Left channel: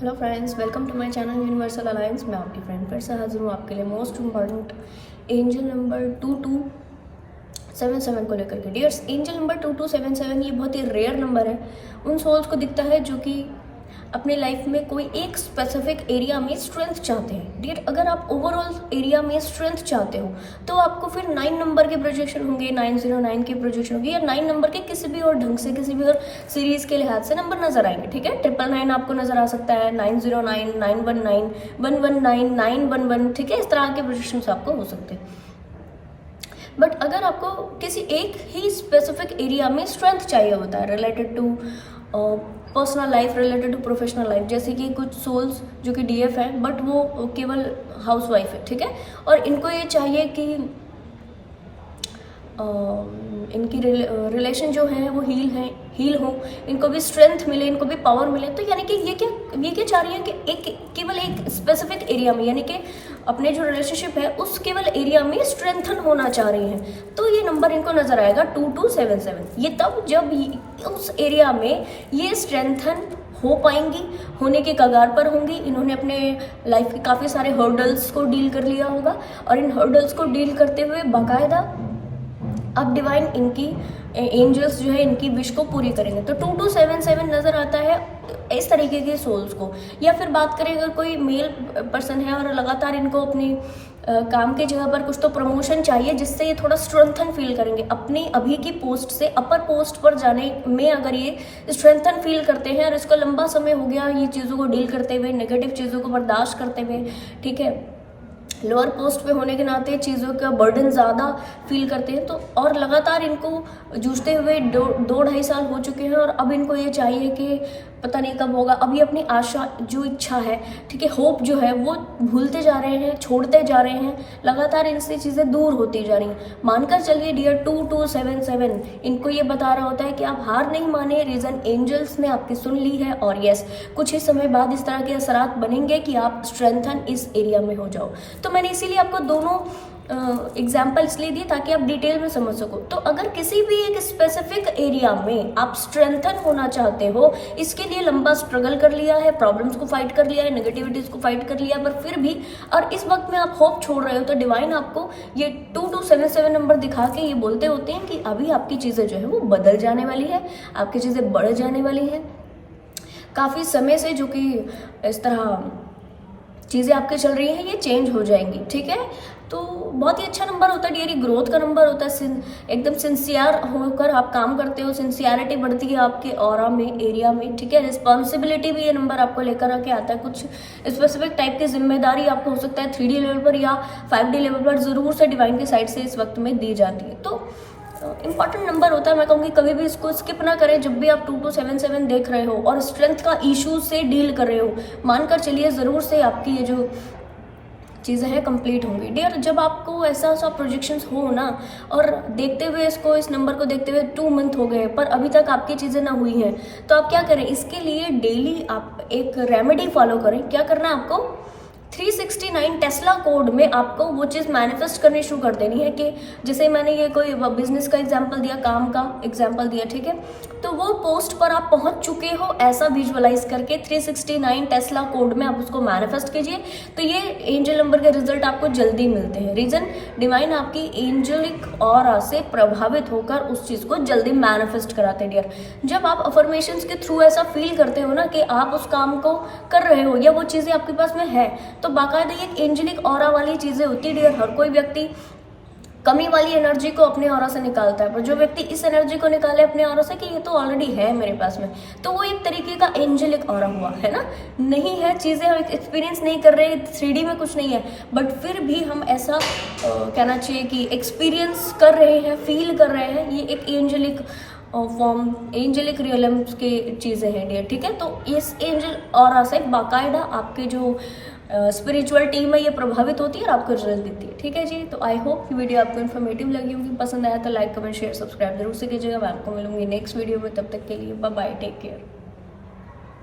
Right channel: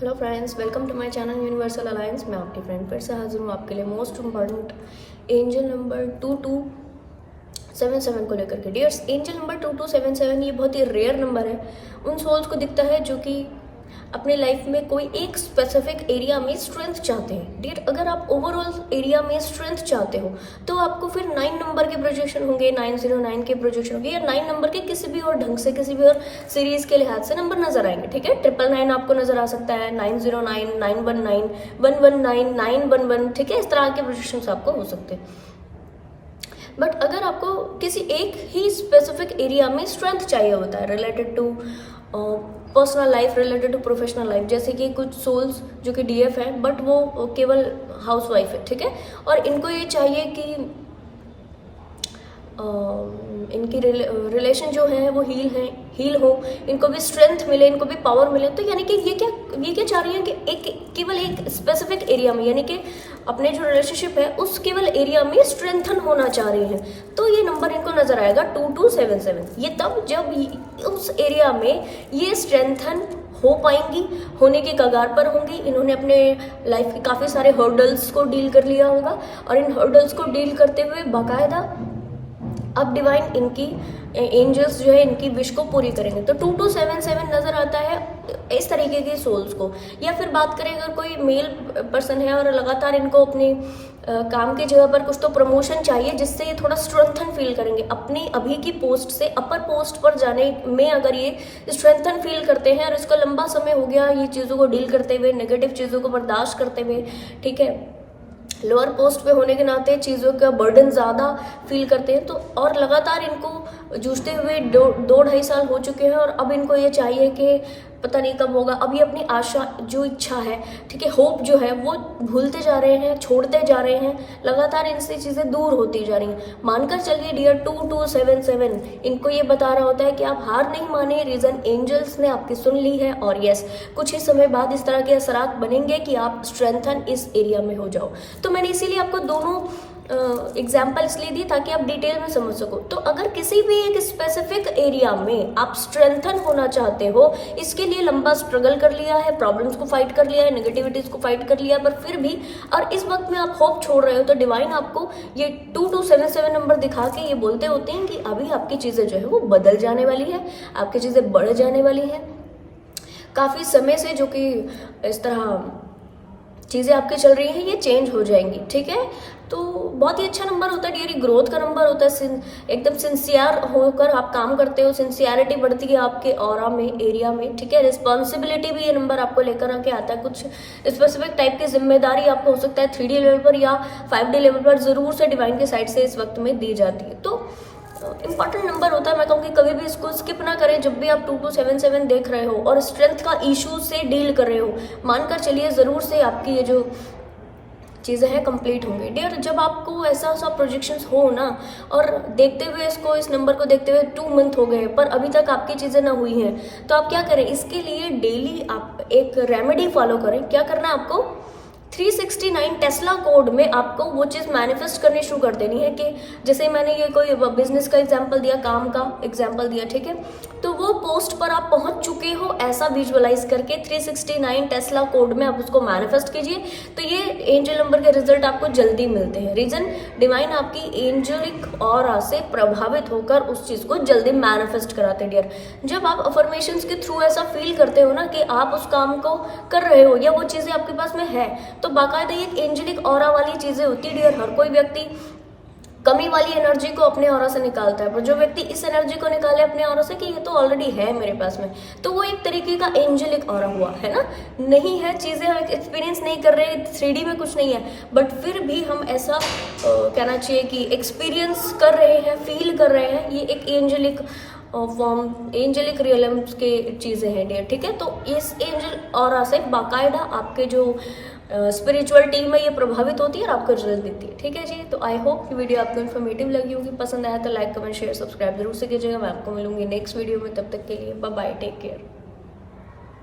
Hello friends, welcome to my channel Universal Alliance. मैं आपकी friend फिर से हाजिर हूँ आपके लिए मोस्ट इम्पॉर्टेंट एंजल नंबर 2277 को लेकर के। डियर्स, एंजल नंबर 2277 ये बहुत ही रेयर नंबर है। उन सोल्स को दिखता है जो कि अपने लाइफ में कोई एक स्पेसिफिक एरिया में स्ट्रेंथ चाहते हैं। डियर, अगर आप ओवरऑल एरिया में स्ट्रेंथ चाहते हो तो आपको फिर 9 नंबर के प्रोजेक्शन होंगे, 909 के प्रोजेक्शन होंगे, या 9 नंबर के किसी भी और ढंग से, किसी भी और सीरीज के लिहाज से नंबर नजर आएंगे। ठीक है, 999 आपको नजर आ सकता है, 909, 919, 119, 911। ठीक है, इस तरह के प्रोजेक्शन आपको हो सकते हैं। बट अगर आपको किसी एक ही स्पेसिफिक एरिया में स्ट्रेंथ चाहिए होता है, related to personal life, related to professional life, जैसे कि कुछ सोल्स जो कि डीएफ है बट वो केवल हाउसवाइफ है, ठीक है, और इनको ये चाहिए कि इनकी रिलेशन जो है वो हील हो, इनको भी स्ट्रेंथ मिले, इनको भी पावर मिले। तो यानी कि ये क्या चाह रही है कि केवल एक स्पेसिफिक एरिया में, यानी कि अपने जो रिलेशनशिप है उस केवल एरिया में स्ट्रेंथन होना चाह रही हैं। तो ये नंबर इनको नजर आएगा 2277। ये तब जब उस एरिया में ये स्ट्रेंथन हो पाएंगी, होने के कगार पर होंगी। इन्होंने अपने लाइफ के काफी सारे हर्डल्स को डील कर लिया होगा और इन हर्डल्स को डील करते हुए बाकायदा अब डिवाइन इनकी एंजल्स जो है इनकी विश को पूरी करेंगे। तो 2277 नजर आता है इस तरीके के सोल्स को। या फिर बात करें अगर कोई मेल पर्सन है और लगातार इनको अपनी काम की जगह पर कुछ तो प्रमोशन चाहिए जिससे ये थोड़ा स्ट्रेंथन फील करेंगे, अपनी अभी की पोस्ट से अपर पोस्ट पर जाने में अगर ये स्ट्रेंथन फील करते हैं और इसको लंबा समय हो गया ये चीज़ों को डील करते हुए, नेगेटिव चीज़ों को बर्दाश्त करते हुए, ठीक है, लोअर पोस्ट पे होने के नाते चीज़ों का बर्डन ज़्यादा फील करते हैं, तो और लगातार इनको जूझते हुए 2-2.5 साल हो चुके हैं और अब इनको ये चाहिए कि पता नहीं कब होगा। अभी अपनी आशा, जो इच्छा है, ठीक है, होप जो है वो भूलते जा रहे हैं, छोड़ते जा रहे हैं, लगातार इनसे चीज़ें दूर होती जा रही हैं। मानकर चलिए डियर 2277 इनको ये बता रहा होता है कि आप हार नहीं माने, रीज़न एंजल्स ने आपकी सुन ली है और यस, कुछ ही समय बाद इस तरह के असरात बनेंगे कि आप स्ट्रेंथन इस एरिया में हो जाओ। तो मैंने इसीलिए आपको दोनों एग्जाम्पल इसलिए दी ताकि आप डिटेल में समझ सको। तो अगर किसी भी एक स्पेसिफिक एरिया में आप स्ट्रेंथन होना चाहते हो, इसके लिए लंबा स्ट्रगल कर लिया है, प्रॉब्लम्स को फाइट कर लिया है, नेगेटिविटीज को फाइट कर लिया है, पर फिर भी और इस वक्त में आप होप छोड़ रहे हो, तो डिवाइन आपको ये 2277 नंबर दिखा के ये बोलते होते हैं कि अभी आपकी चीज़ें जो है वो बदल जाने वाली है, आपकी चीज़ें बढ़ जाने वाली है। काफ़ी समय से जो कि इस तरह चीज़ें आपकी चल रही हैं ये चेंज हो जाएंगी, ठीक है। तो बहुत ही अच्छा नंबर होता है डियर, ग्रोथ का नंबर होता है। एकदम सिंसियर होकर आप काम करते हो, सिंसियरिटी बढ़ती है आपके ऑरा में, एरिया में, ठीक है। रिस्पॉन्सिबिलिटी भी ये नंबर आपको लेकर आके आता है। कुछ स्पेसिफिक टाइप की जिम्मेदारी आपको हो सकता है 3D लेवल पर या 5D लेवल पर जरूर से डिवाइन की साइड से इस वक्त में दी जाती है। तो इंपॉर्टेंट नंबर होता है। मैं कहूँगी कभी भी इसको स्किप ना करें जब भी आप 2277 देख रहे हो और स्ट्रेंथ का इशू से डील कर रहे हो। मानकर चलिए ज़रूर से आपकी ये जो चीज़ें हैं कंप्लीट होंगी। डियर, जब आपको ऐसा प्रोजेक्शंस हो ना, और देखते हुए इसको, इस नंबर को देखते हुए 2 मंथ हो गए पर अभी तक आपकी चीज़ें ना हुई हैं, तो आप क्या करें, इसके लिए डेली आप एक रेमेडी फॉलो करें। क्या करना है आपको, 369 टेस्ला कोड में आपको वो चीज़ मैनिफेस्ट करनी शुरू कर देनी है। कि जैसे मैंने ये कोई बिजनेस का एग्जांपल दिया, काम का एग्जांपल दिया, ठीक है, तो वो पोस्ट पर आप पहुंच चुके हो ऐसा विजुअलाइज करके 369 टेस्ला कोड में आप उसको मैनिफेस्ट कीजिए। तो ये एंजल नंबर के रिजल्ट आपको जल्दी मिलते हैं। रीजन, डिवाइन आपकी एंजलिक ऑरा से प्रभावित होकर उस चीज़ को जल्दी मैनिफेस्ट कराते हैं। डियर, जब आप अफर्मेशंस के थ्रू ऐसा फील करते हो ना कि आप उस काम को कर रहे हो या वो चीज़ें आपके पास में है, तो बाकायदा ये एक एंजलिक ऑरा वाली चीजें होती है। डियर, हर कोई व्यक्ति कमी वाली एनर्जी को अपने ऑरा से निकालता है, पर जो व्यक्ति इस एनर्जी को निकाले अपने ऑरा से कि ये तो ऑलरेडी है मेरे पास में, तो वो एक तरीके का एंजलिक ऑरा हुआ, है ना। नहीं है चीजें, एक्सपीरियंस नहीं कर रहे, 3D में कुछ नहीं है, बट फिर भी हम ऐसा कहना चाहिए कि एक्सपीरियंस कर रहे हैं, फील कर रहे हैं। ये एक एंजलिक फॉर्म, एंजलिक रियलम्स के चीज़ें हैं डियर, ठीक है। तो इस एंजल ऑरा से बाकायदा आपके जो स्पिरिचुअल टीम है ये प्रभावित होती है और आपको रिजल्ट देती है, ठीक है जी। तो आई होप कि वीडियो आपको इन्फॉर्मेटिव लगी होगी। पसंद आया तो लाइक, कमेंट, शेयर, सब्सक्राइब जरूर से कीजिएगा। मैं आपको मिलूंगी नेक्स्ट वीडियो में, तब तक के लिए बाय बाय, टेक केयर।